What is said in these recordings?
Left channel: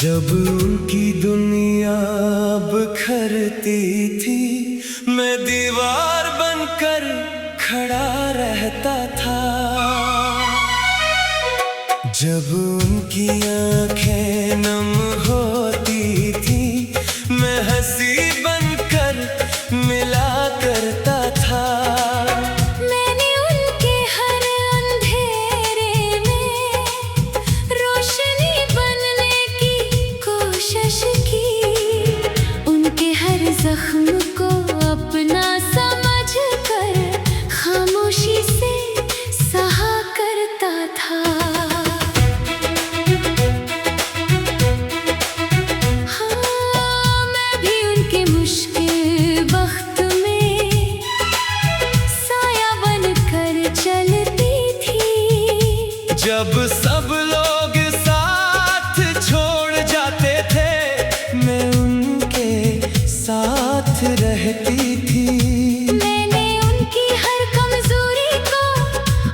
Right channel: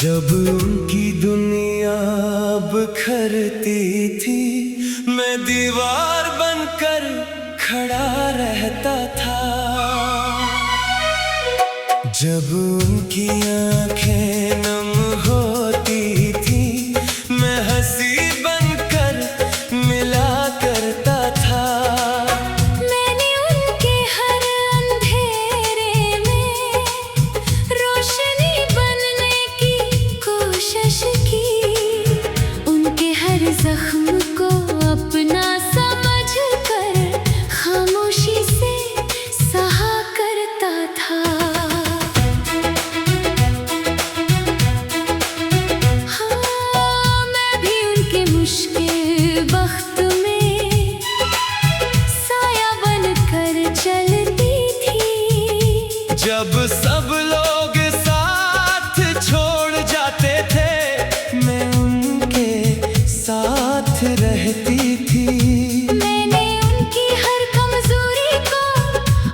जब उनकी दुनिया बिखरती थी, मैं दीवार बनकर खड़ा रहता था। जब उनकी आंखें नम होती थी, मैं हंसी बनकर मिला करता था। मैंने उनके हर अंधेरे में रोशनी बनने की कोशिश की। उनके हर जख्म को अपना समझ कर खामोशी से सहा करता था। हाँ, मैं भी उनके मुश्किल वक्त में साया बनकर चलती थी। जब सब लोग साथ छोड़ जाते थे, मैं उनके साथ रहती थी। मैंने उनकी हर कमजोरी को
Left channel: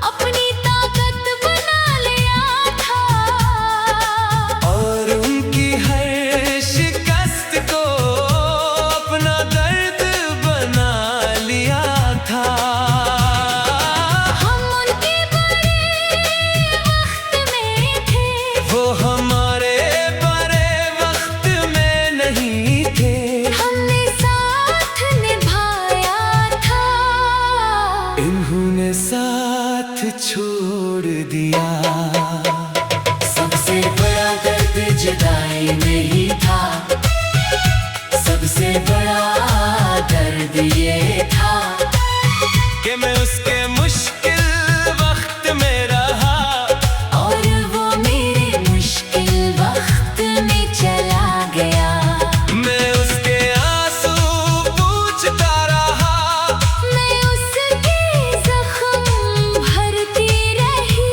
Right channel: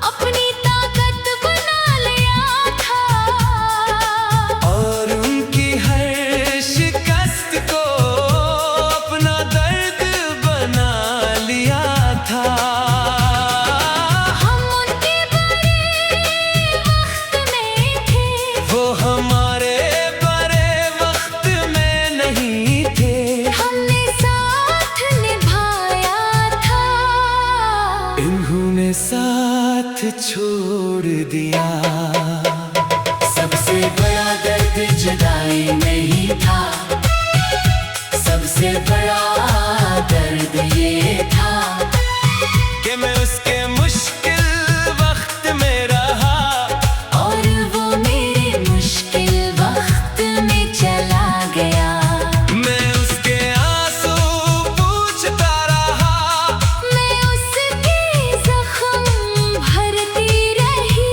अपनी ताकत बना लिया था। और उनकी हर शिकस्त को अपना दर्द बना लिया था। हम उनके बड़े वक्त में थे, वो हमारे बड़े वक्त में नहीं थे। हमने साथ निभाया था। इन्होंने साथ छोड़ दिया। सबसे बड़ा दर्द जुदाई नहीं था, सबसे बड़ा दर्द ये था कि मैं उसके मुश्किल वक्त में रहा, और वो मेरे मुश्किल वक्त में चला गया। मैं उसके आंसू पूंछता रहा, मैं उसके जख्म भरती रही।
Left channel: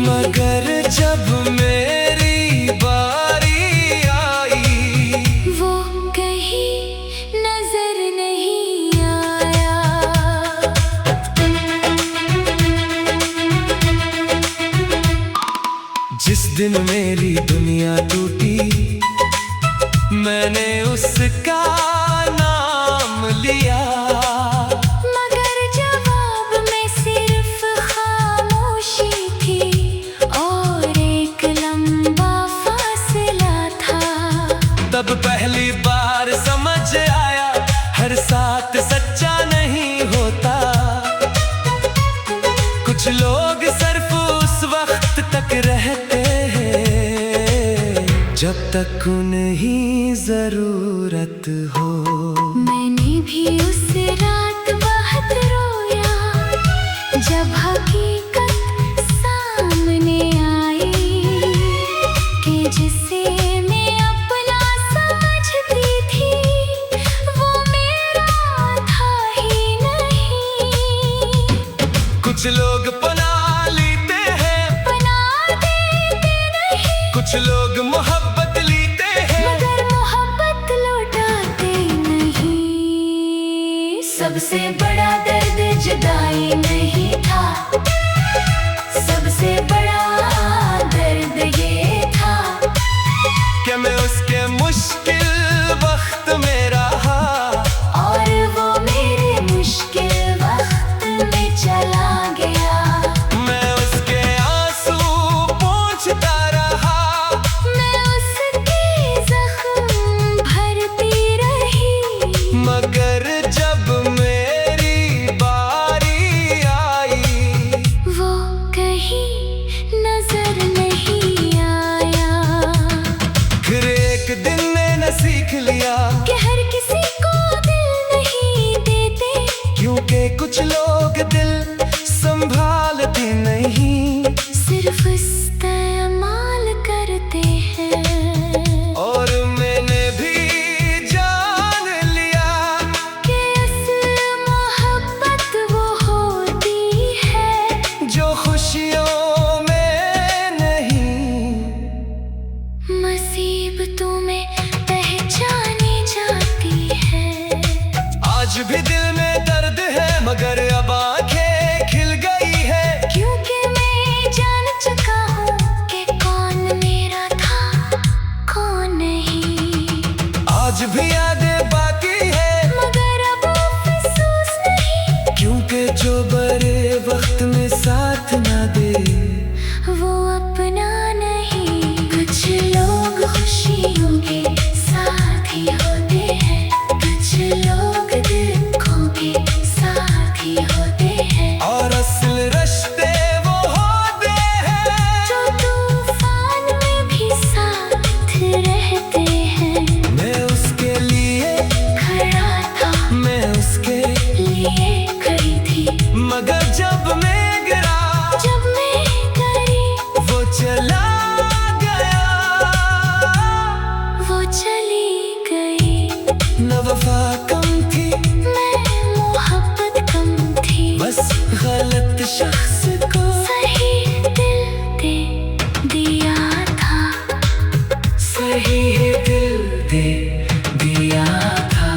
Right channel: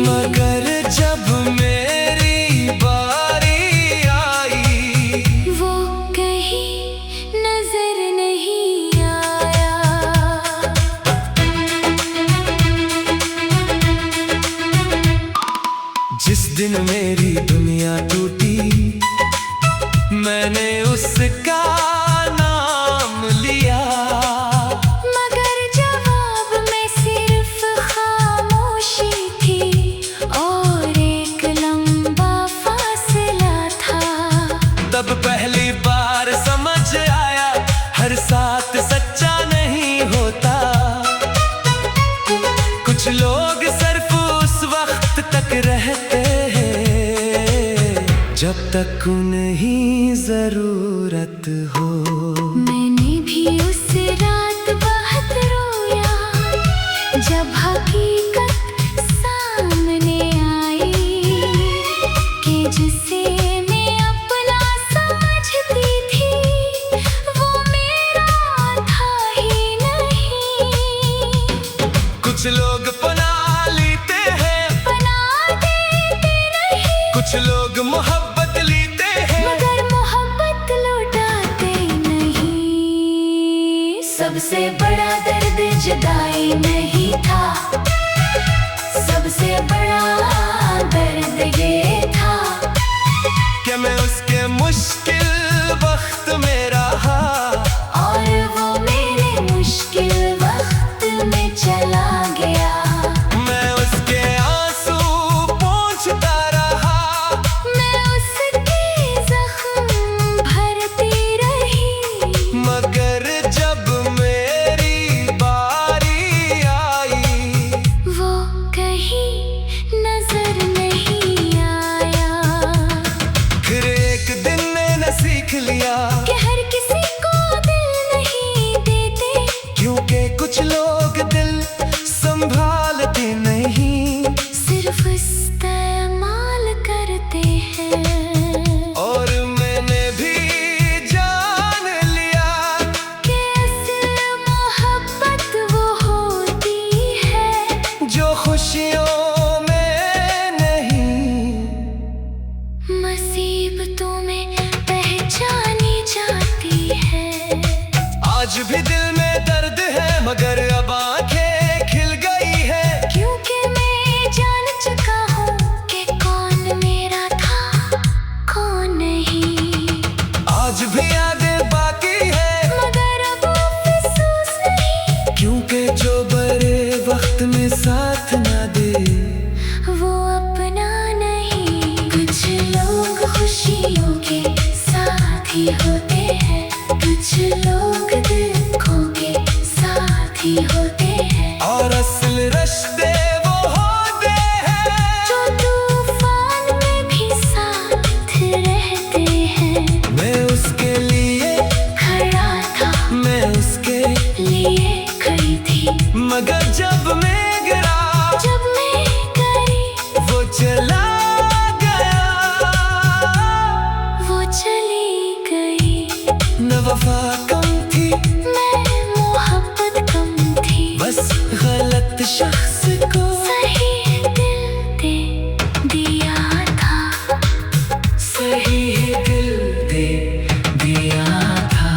मगर जब मेरी बारी आई, वो कहीं नजर नहीं आया। जिस दिन मेरी दुनिया टूटी, मैंने उसका नाम लिया। मगर जवाब में सिर्फ खामोशी थी और एक लंबा फासला था। तब पहली बार समझ आया, हर साथ सच्चा नहीं होता। कुछ लोग सिर्फ उस वक्त तक रहते हैं जब तक उन्हें जरूरत हो। मैंने भी उस रात बहुत रोया, जब हकीकत सामने आई कि जिसे मैं अपना समझती थी, वो मेरा था ही नहीं। कुछ लोग पना लेते हैं, बना देते नहीं, कुछ लोग मोहब्बत लेते हैं, मगर मोहब्बत लौटाते नहीं। सबसे बड़ा दर्द जुदाई नहीं था, सबसे बड़ा दर्द ये था कि मैं उसके मुश्किल वक्त में रहा, और वो मेरे मुश्किल वक्त में चला गया। मैं उसके आंसू पोंछता रहा, मैं उसके जख्म भरती रही। मगर जब मेरी बारी आई, वो कहीं नजर नहीं आया। फिर एक दिन मैंने सीख लिया कि हर किसी को दिल नहीं देते, क्योंकि कुछ लोग दिल संभालते नहीं, सिर्फ इस्तेमाल करते हैं। और मैंने भी जान लिया कि असल मोहब्बत वो होती है जो खुशियों में नहीं, मुसीबतों में पहचानी जाती है। आज भी दिल में दर्द है, मगर अब आंखें खिल गई है। क्योंकि मैं जान चुका हूँ कि कौन मेरा था, कौन लिए खड़ी थी। मगर जब मैं गिरा, जब मैं गिरी वो चला गया, वो चली गई। न वफा कम थी, मैं मोहब्बत कम थी, बस गलत शख्स को सही दिल दे दिया था। सही दिल दे दिया था।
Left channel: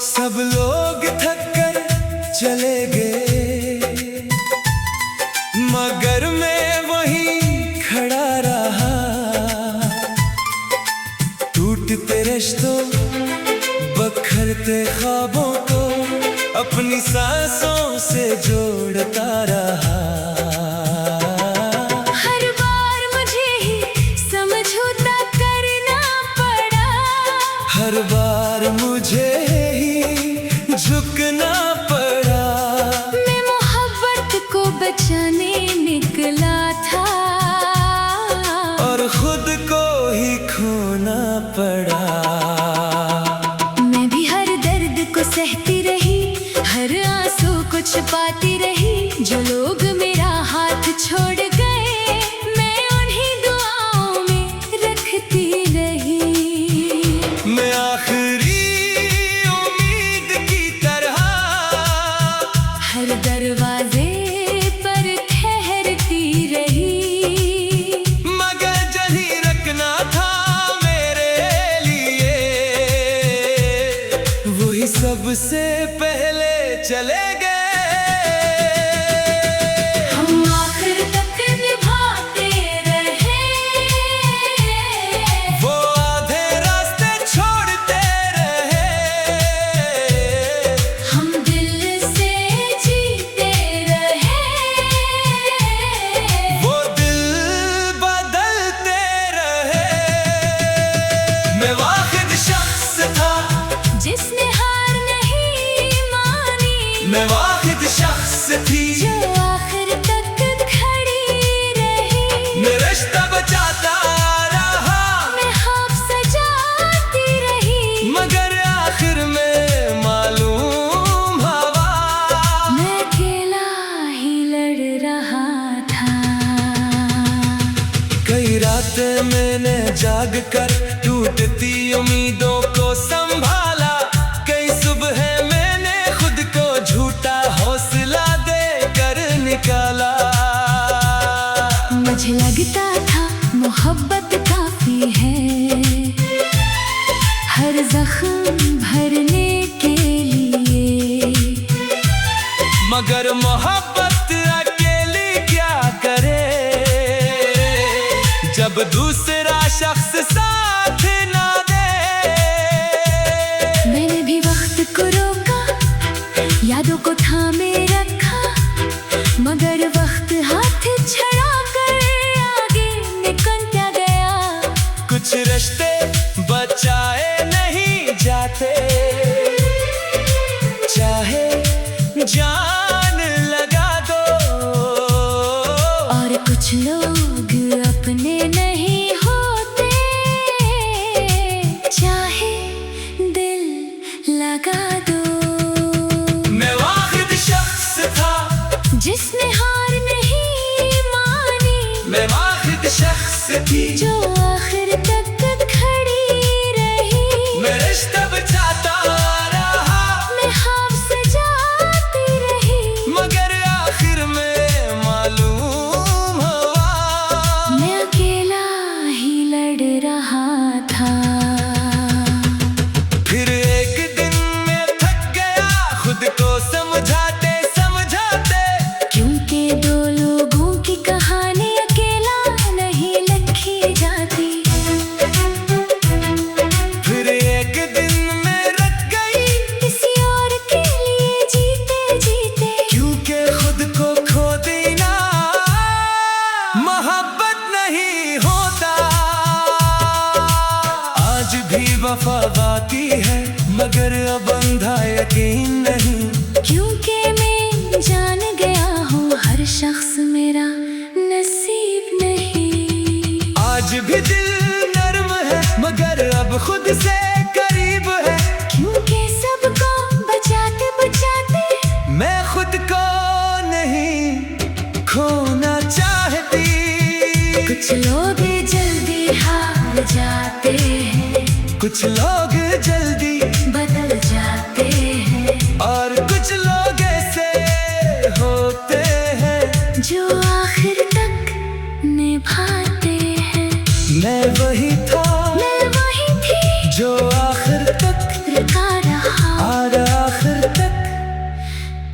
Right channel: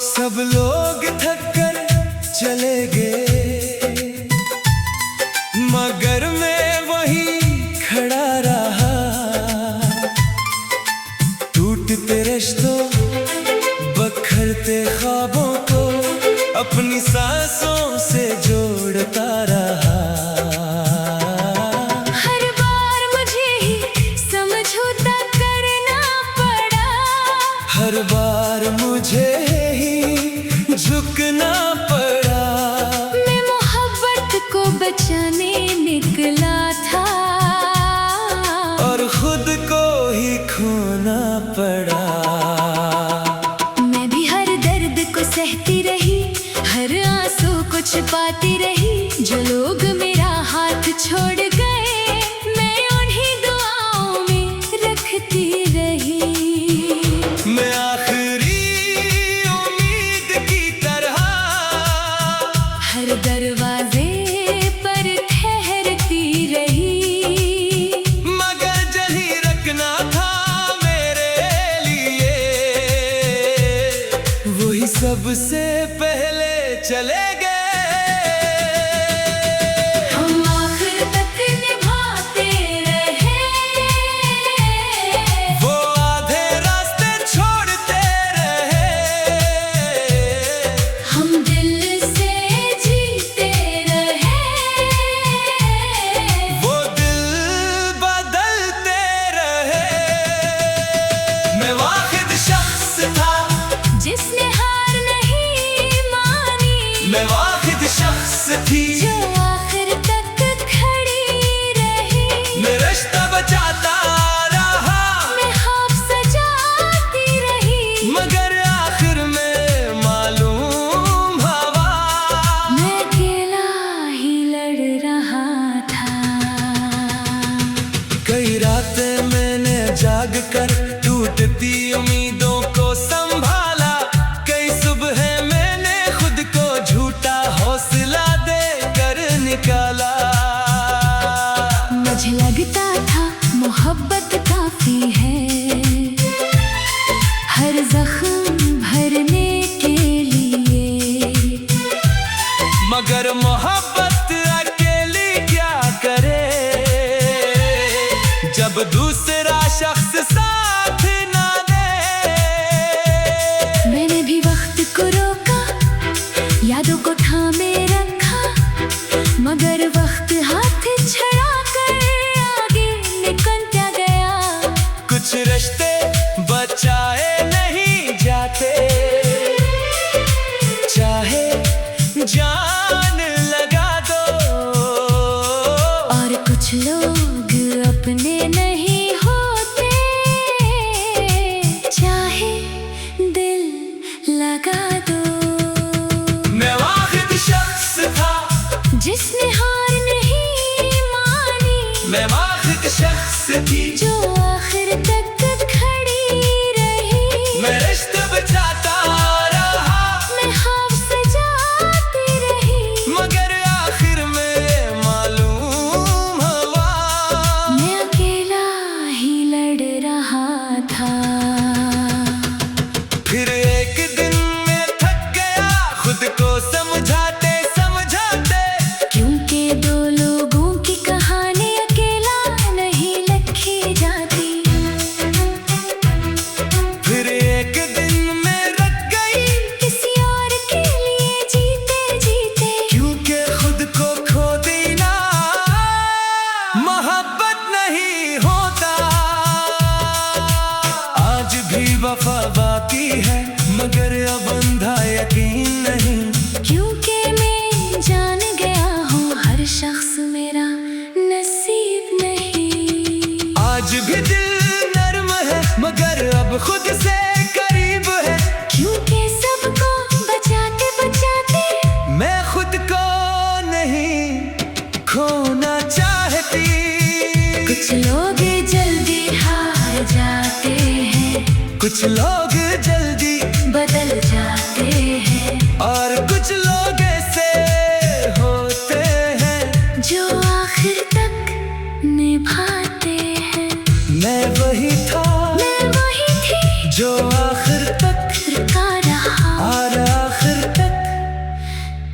सब लोग थक कर चले गए, मगर मैं वहीं खड़ा रहा। टूटते रिश्तों, बखरते ख्वाबों को अपनी सांसों से जोड़ता रहा। हर बार मुझे ही समझौता करना पड़ा, हर बार मुझे ही झुकना पड़ा। मैं मोहब्बत को बचाने निकला था, और खुद को ही खोना पड़ा। मैं भी हर दर्द को सहती रही, हर आंसू को छुपाती रही। जो लोग मेरा हाथ छोड़ गए, मैं उन्हीं दुआओं में रखती रही। मैं आखिरी उम्मीद की तरह हर दरवाजे पर ठहरती रही, मगर जहीं रखना था मेरे लिए, वही सबसे पहले चले गए। हम आखिर तक निभाते रहे, वो आधे रास्ते छोड़ते रहे। हम दिल से जीते रहे, वो दिल बदलते रहे। मैं वाहिद शख्स था जिसने हार नहीं मानी। मैं वाहिद शख्स थी जो आखिर तक खड़ी रही। मैं रिश्ता बचाता रहा, मैं ख्वाब सजाती रही, मगर आखिर में मालूम हवा। मैं अकेला ही लड़ रहा था। कई रातें मैंने जाग कर टूटती उम्मीदों को संभाला। कई सुबह मैंने खुद को झूठा हौसला देकर निकाला। मुझे लगता था मोहब्बत काफी है, हर जख्म भरने के लिए। मगर मोहब्बत अकेली क्या करे, जब दूसरा शख्स साथ ना दे। मैंने भी वक्त को रोका, यादों को थामे रखा, मगर वक्त हाथ छड़ा कर आगे निकलता गया। कुछ रिश्ते बचाए नहीं जाते, चाहे जान लगा दो। और कुछ लोग अपने नहीं होते, चाहे दिल लगा दो। मैं वाहिद शख्स था जिसने हार नहीं मानी। मैं वाहिद शख्स थी जो आखिर तक खड़ी रही। मैं रिश्ता बचाता रहा, मैं ख्वाब सजाती रही, मगर आखिर में मालूम हवा। मैं अकेला ही लड़ रहा था। फिर एक दिन मैं थक गया खुद को समझाते समझाते। क्योंकि दो लोगों की कहानी अकेला नहीं लिखी जाती। मोहब्बत नहीं होता। आज भी वफा बाकी है, मगर अब अंधा यकीन नहीं। क्योंकि मैं जान गया हूँ हर शख्स मेरा नसीब नहीं। आज भी दिल नर्म है, मगर अब खुद से करीब है। क्योंकि सबको बचाते बचाते मैं खुद को नहीं खोना चाहती। कुछ लोग जल्दी हार जाते हैं, कुछ लोग जल्दी बदल जाते हैं, और कुछ लोग ऐसे होते हैं जो आखिर तक निभाते हैं। मैं वही था, मैं वही थी जो आखिर तक रुका रहा और आखिर तक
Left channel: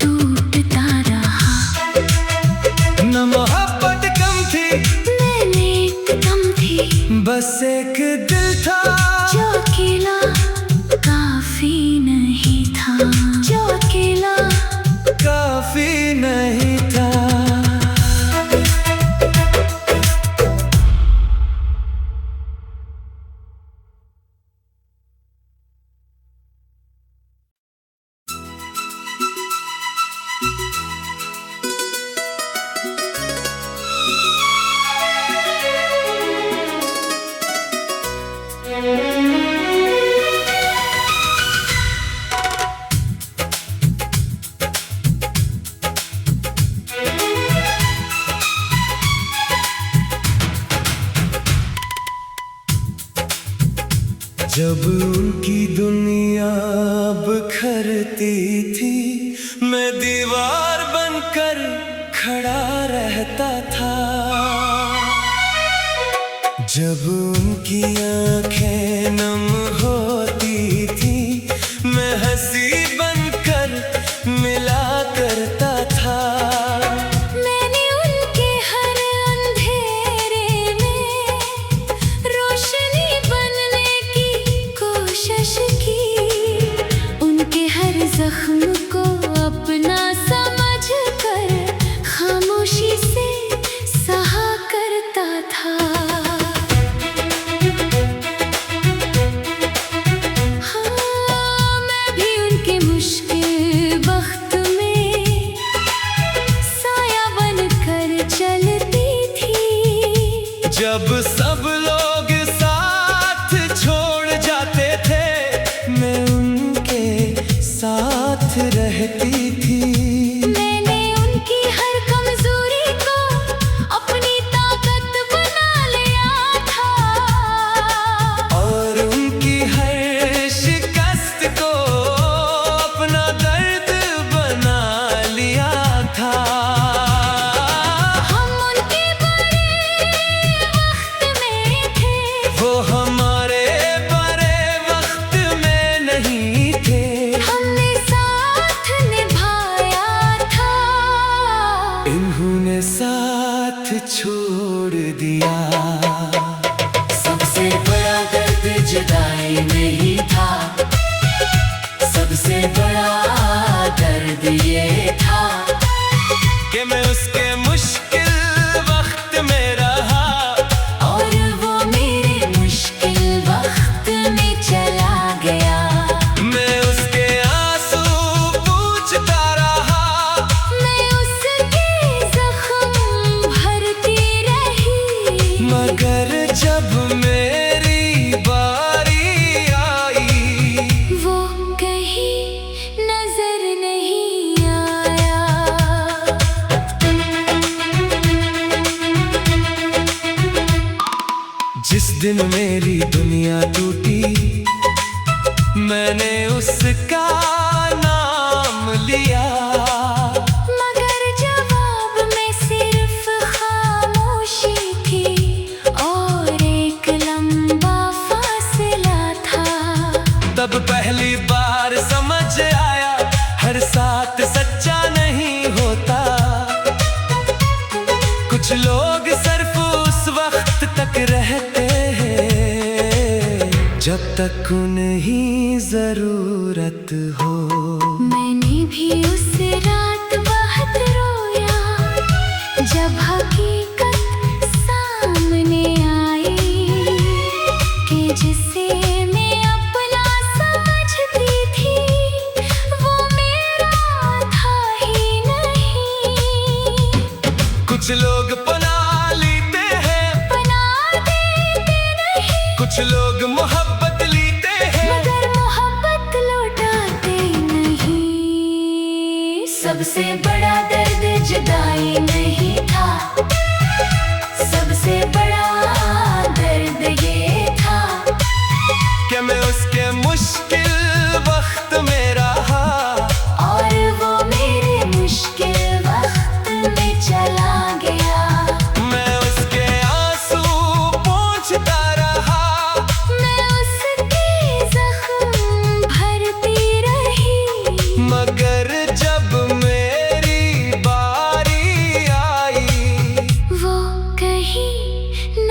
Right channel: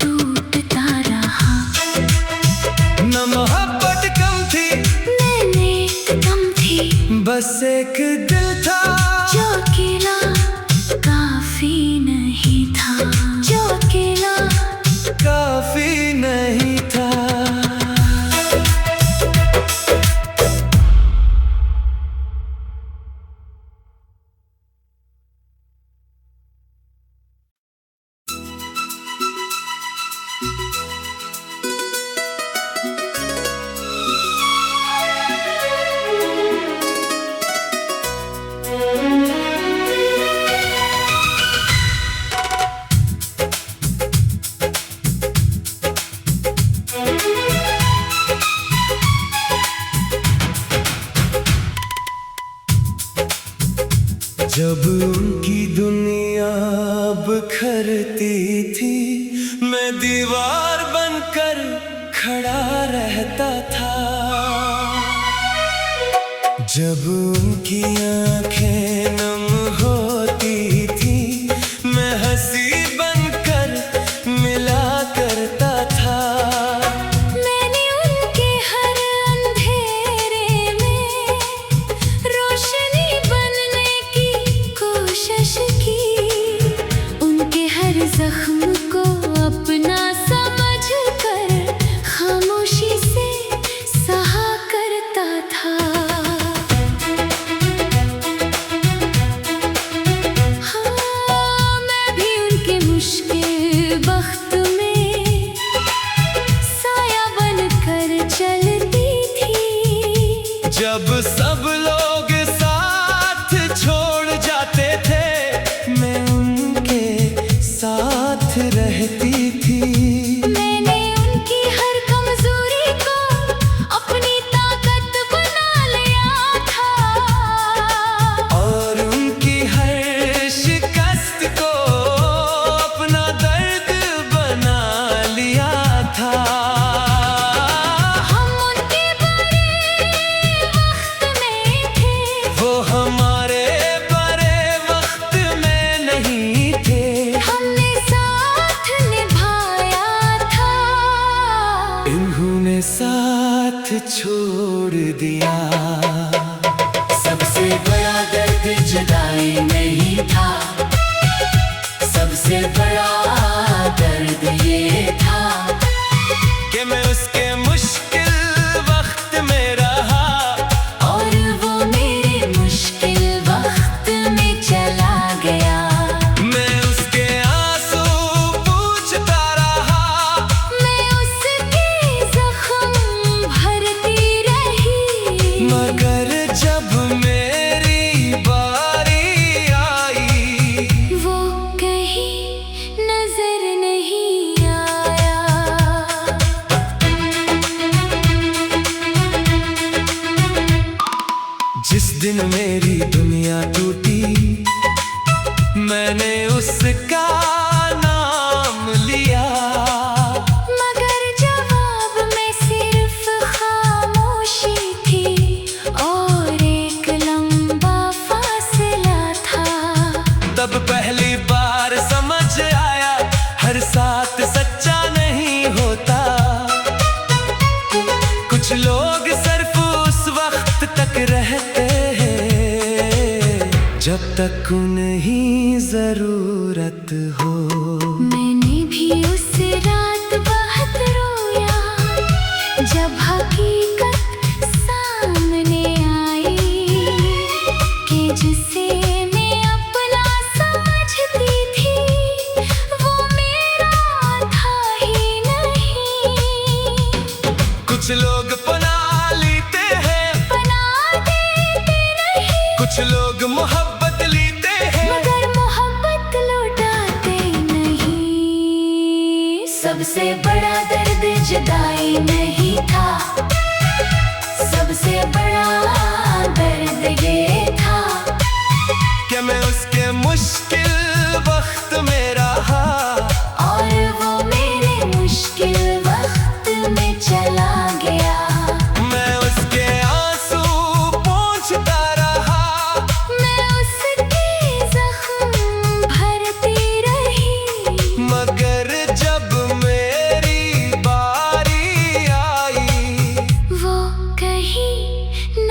टूटता रहा। न मोहब्बत कम थी, मैंने कदम थी, बस एक दिल था जो अकेला काफी नहीं था, जो अकेला काफी नहीं था। जब उनकी दुनिया बिखरती थी, मैं दीवार बनकर खड़ा रहता था। जब उनकी आंखें नम होती थी, मैं हंसी बनकर मिला करता था। मैंने उनके हर अंधेरे में रोशनी बनने की कोशिश की। उनके हर जख्म को अपना समझ कर खामोशी से सहा करता था। हाँ, मैं भी उनके मुश्किल वक्त में साया बनकर चलती थी। जब सब लोग साथ छोड़ जाते थे, मैं उनके साथ रहती थी। मैंने उनकी हर कमजोरी को अपनी ताकत बना लिया था, और उनकी हर शिकस्त को अपना दर्द बना लिया था। हम उनके बड़े वक्त में थे, वो हमारे बड़े वक्त में नहीं थे। हमने साथ निभाया था, इन्होंने साथ छोड़ दिया। सबसे बड़ा दर्द जुदाई नहीं था, सबसे बड़ा दर्द ये था कि मैं उसके मुश्किल वक्त में रहा, और वो मेरे मुश्किल वक्त में चला गया। मैं उसके आंसू पूछता रहा, मैं उसके जख्म भरती रही, मगर जब मेरी बारी आई, वो कहीं नजर नहीं आया। जिस दिन मेरी दुनिया टूटी, मैंने उसका नाम लिया, मगर जवाब में सिर्फ खामोशी थी और एक लंबा फासला था। तब पहली बार समझ आया, हर साथ सच्चा नहीं होता। कुछ लोग सिर्फ उस वक्त तक रहते हैं जब तक उन्हें जरूरत हो। मैंने भी उस रात बहुत रोया, जब हकीकत कुछ लोग मोहब्बत लेते हैं मगर मोहब्बत लौटाते नहीं। सबसे बड़ा दर्द जुदाई नहीं था, सबसे बड़ा दर्द ये था कि मैं उसके मुश्किल वक्त में रहा और वो मेरे मुश्किल वक्त में चला गया। मैं उसके आंसू पोंछता रहा, मैं उसके जख्म भरती रही, मगर जब मेरी बारी आई वो कहीं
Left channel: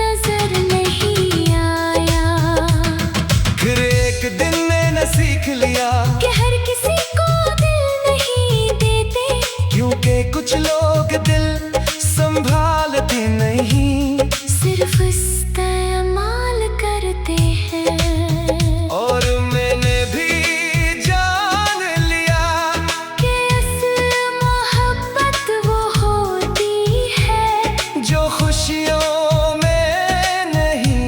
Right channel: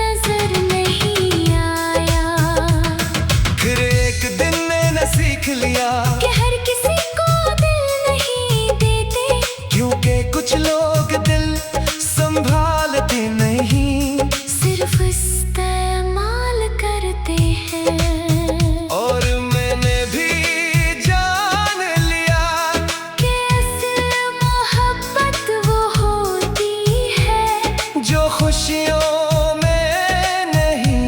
नजर नहीं आया। फिर एक दिन मैंने सीख लिया कि हर किसी को दिल नहीं देते, क्योंकि कुछ लोग दिल संभालते नहीं, सिर्फ इस्तेमाल करते हैं। और मैंने भी जान लिया कि असल मोहब्बत वो होती है जो खुशियों में नहीं,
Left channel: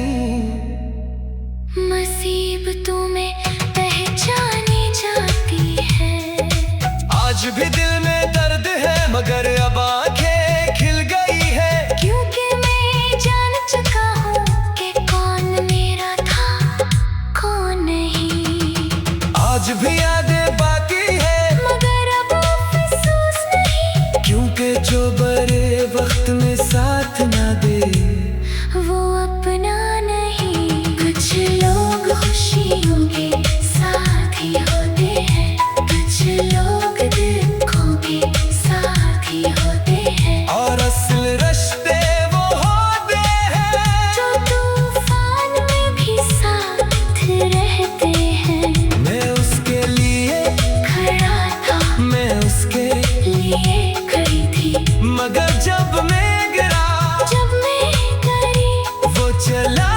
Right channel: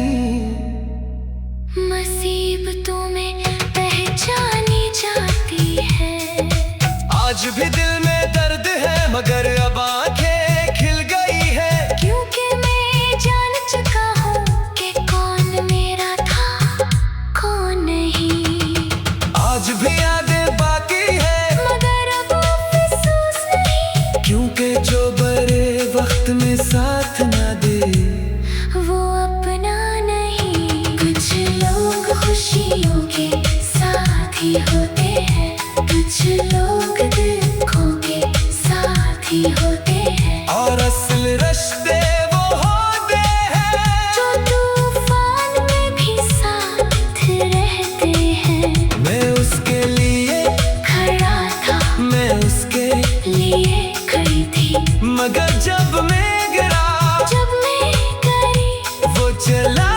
मुसीबतों में पहचानी जाती है। आज भी दिल में दर्द है मगर अब आंखें खिल गई है, क्योंकि मैं जान चुका हूँ कि कौन मेरा था कौन नहीं। आज भी यादें बाकी है मगर अब अफसोस नहीं, क्योंकि जो बड़े वक्त में साथ ना दे वो अपना नहीं। कुछ लोग खुशियों के साथ ही होते हैं, कुछ लोग दुखों के साथ ही होते हैं, और असल रिश्ते वो होते हैं जो तूफान में भी साथ रहते हैं। मैं उसके लिए खड़ा था, मैं उसके लिए खड़ी थी, मगर जब मैं गिरा जब मैं करी वो चला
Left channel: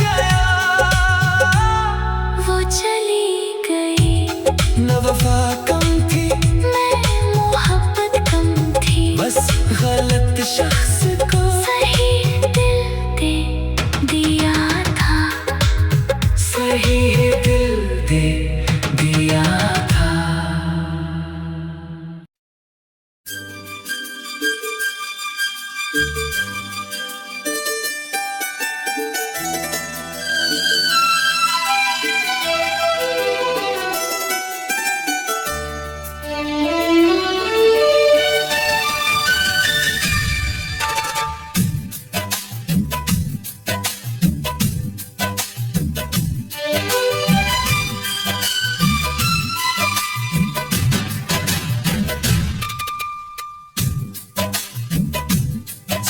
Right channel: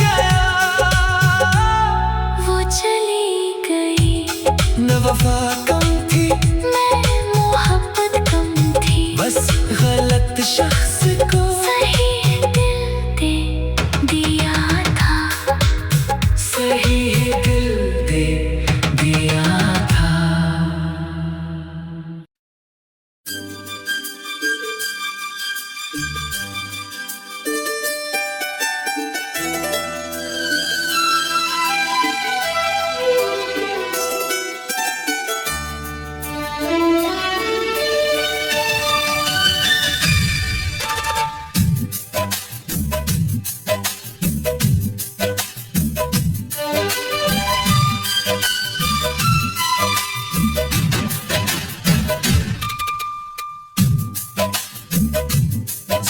गया। वो चली गई। न वफा कम थी मैं मोहब्बत कम थी, बस गलत शख्स को सही दिल दे दिया था। सही दिल दे दिया था।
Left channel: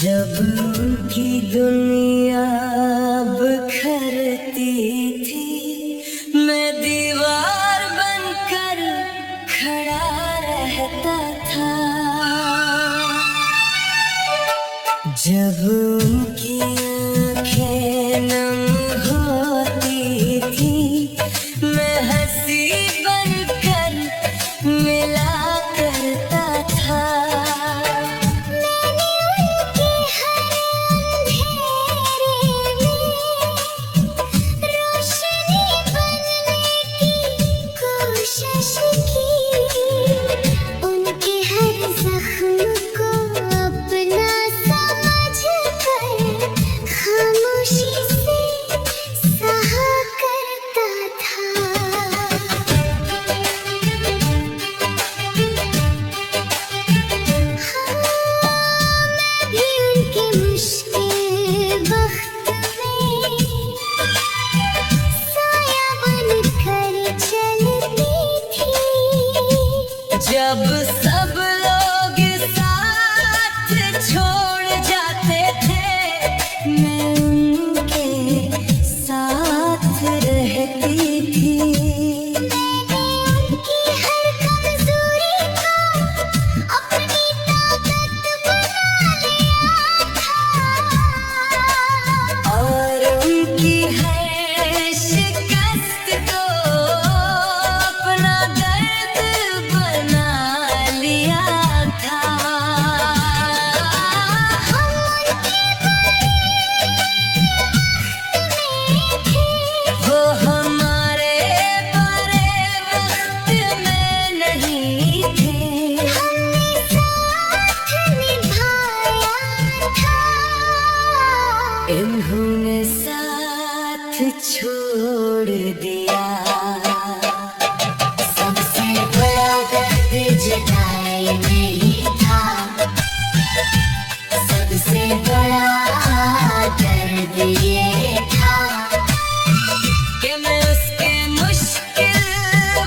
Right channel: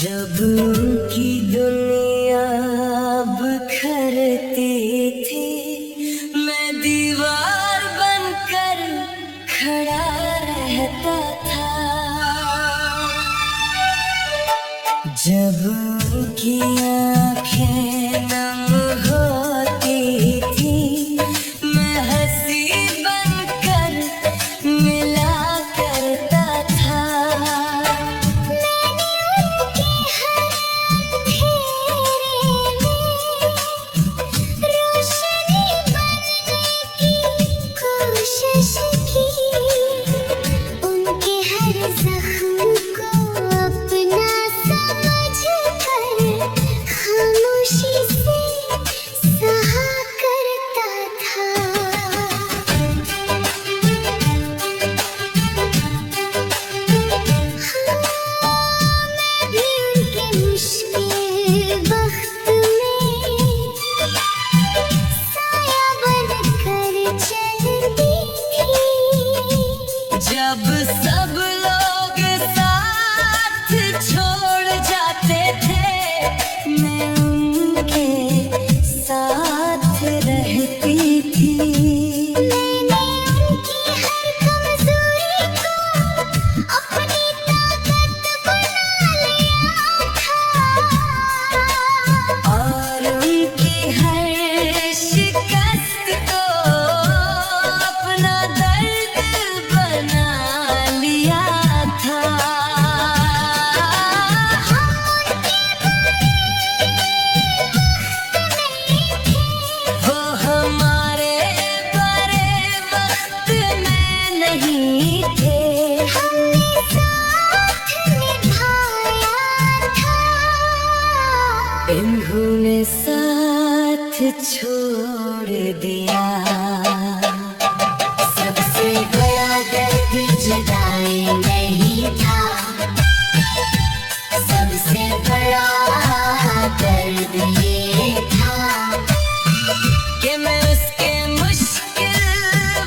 जब उनकी दुनिया बिखरती थी, मैं दीवार बनकर खड़ा रहता था। जब उनकी आंखें नम होती थी, मैं हंसी बनकर मिला करता था। उनके हर जख्म को अपना समझकर खामोशी से सहा करता था। मैं भी उनके मुश्किल वक्त में साया बनकर चलती थी। जब सब लोग साथ छोड़ जाते थे, मैं उनके साथ रहती थी। मैंने उनकी हर कमजोरी को अपनी ताकत बना लिया था। और उनकी हर शिकस्त को अपना दर्द बना लिया था। हम उनके इन्होंने साथ छोड़ दिया। सबसे बड़ा दर्द जुदाई नहीं था, सबसे बड़ा दर्द ये था कि मैं उसके मुश्किल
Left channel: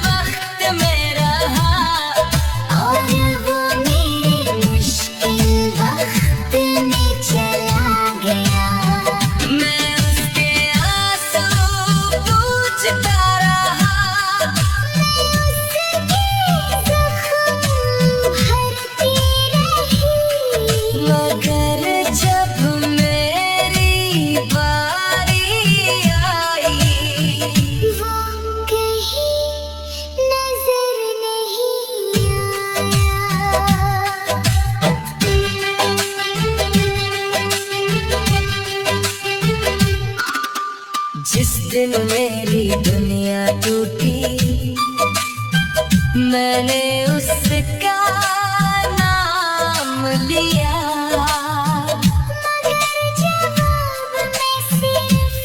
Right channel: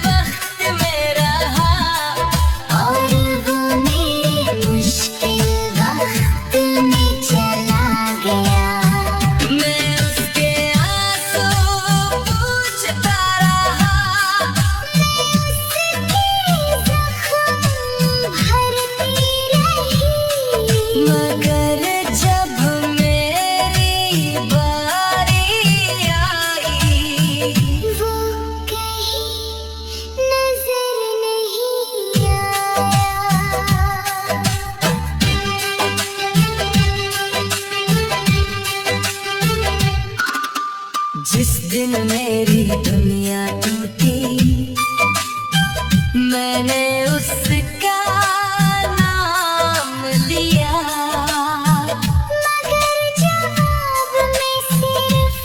वक्त में रहा और वो मेरे मुश्किल वक्त में चला गया। मैं उसके आंसू पोंछता रहा, मैं उसके जख्म भरती रही, मगर जब मेरी बारी आई वो कहीं नजर नहीं आया। जिस दिन मेरी दुनिया टूटी मैंने उसका नाम लिया, मगर जवाब में सिर्फ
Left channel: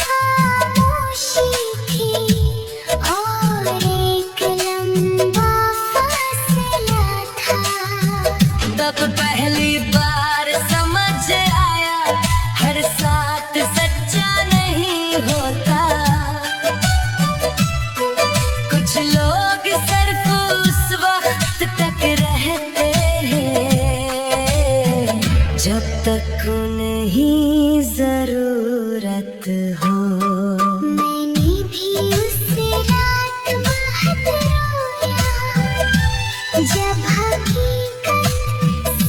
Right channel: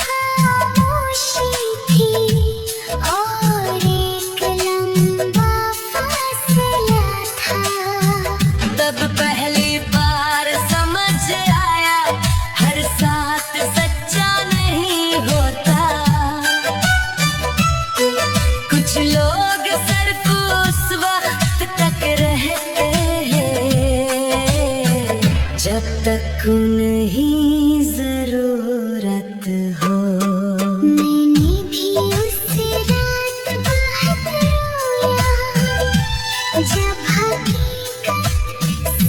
खामोशी थी और एक लंबा फासला था। तब पहली बार समझ आया हर साथ सच्चा नहीं होता। कुछ लोग सिर्फ उस वक्त तक रहते हैं जब तक उन्हें जरूरत हो। मैंने भी उस रात बहुत रोया जब हकीकत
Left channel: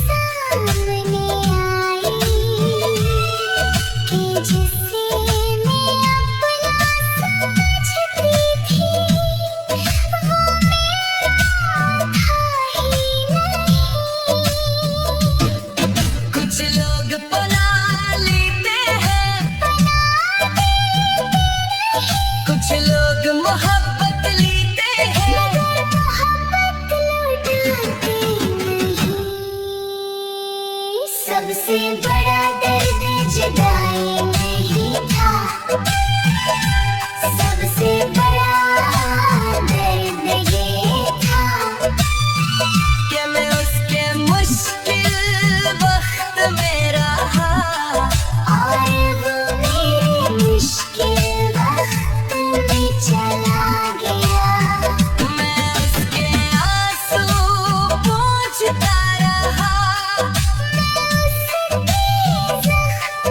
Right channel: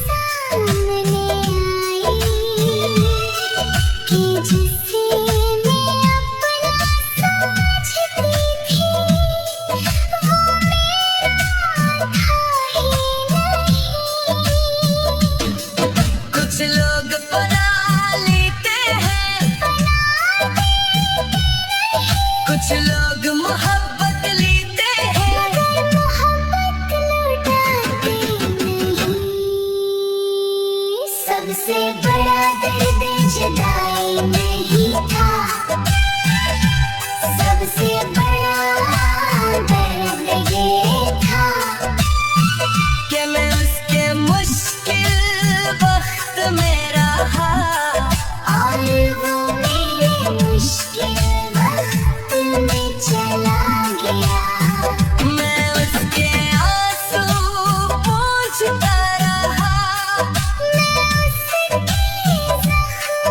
सामने आई कि जिसे मैं अपना समझती थी वो मेरा था ही नहीं। कुछ लोग पना लेते हैं, कुछ लोग मोहब्बत लेते हैं, मगर मोहब्बत लौटाते नहीं। सबसे बड़ा दर्द जुदाई नहीं था, सबसे बड़ा दर्द ये था कि मैं उसके मुश्किल वक्त में रहा और वो मेरे मुश्किल वक्त में चला गया। मैं उसके आंसू पोंछता रहा, मैं उसके जख्म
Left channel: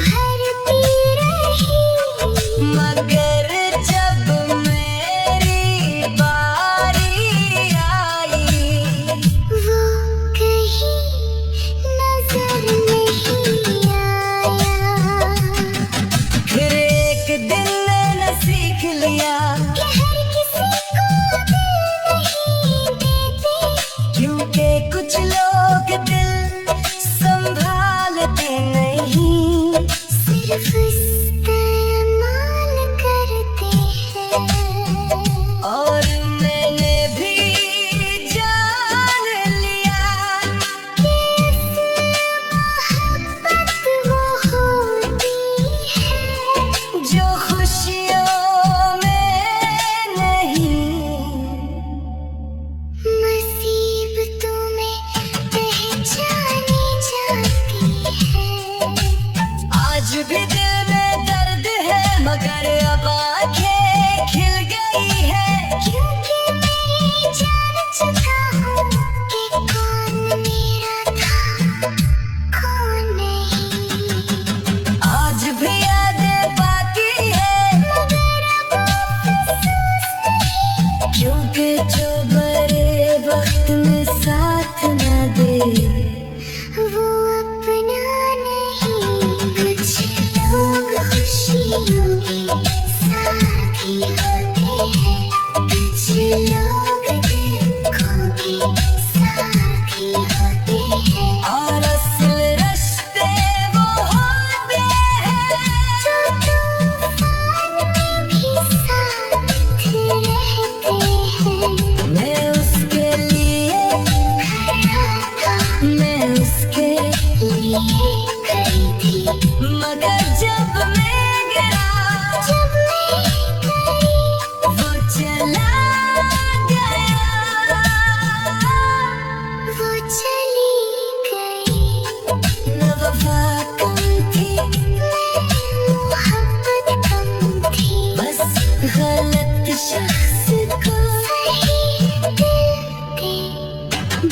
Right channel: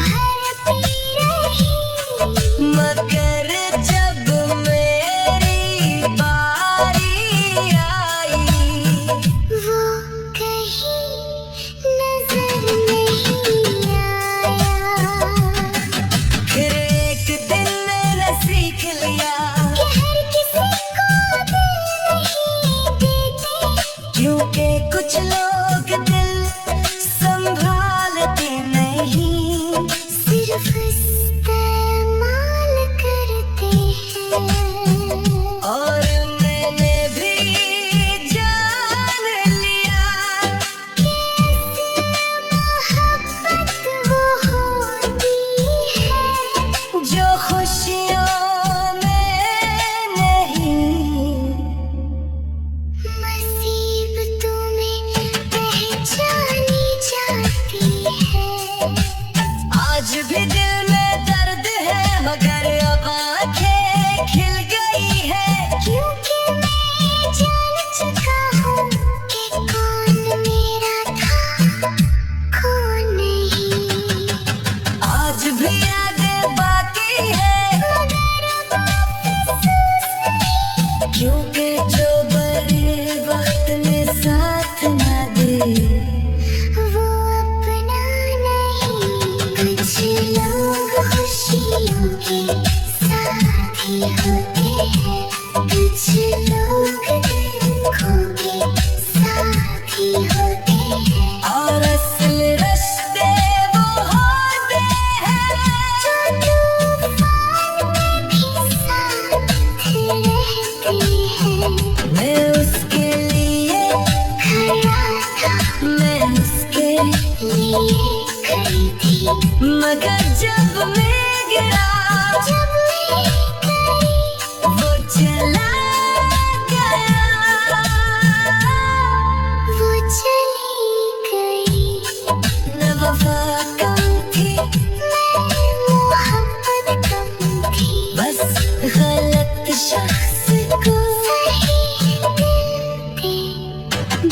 भरती रही, मगर जब मेरी बारी आई वो कहीं नजर नहीं आया। फिर एक दिन मैंने सीख लिया कि हर किसी को दिल नहीं देते, क्योंकि कुछ लोग दिल संभालते नहीं, सिर्फ इस्तेमाल करते हैं। और मैंने भी जान लिया कि मोहब्बत वो होती है जो खुशियों में नहीं, मुसीबतों में पहचानी जाती है। आज भी दिल में दर्द है मगर अब आंखें खिल गई है, क्योंकि मैं जान चुका हूँ कि कौन मेरा था कौन नहीं। आज भी यादें बाकी है मगर अब अफसोस नहीं, क्योंकि जो बड़े वक्त में साथ न दे वो अपना नहीं। कुछ लोग खुशियों के साथी होते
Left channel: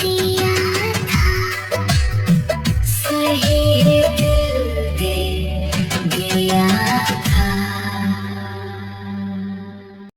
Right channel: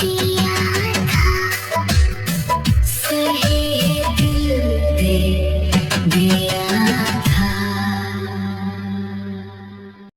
दिए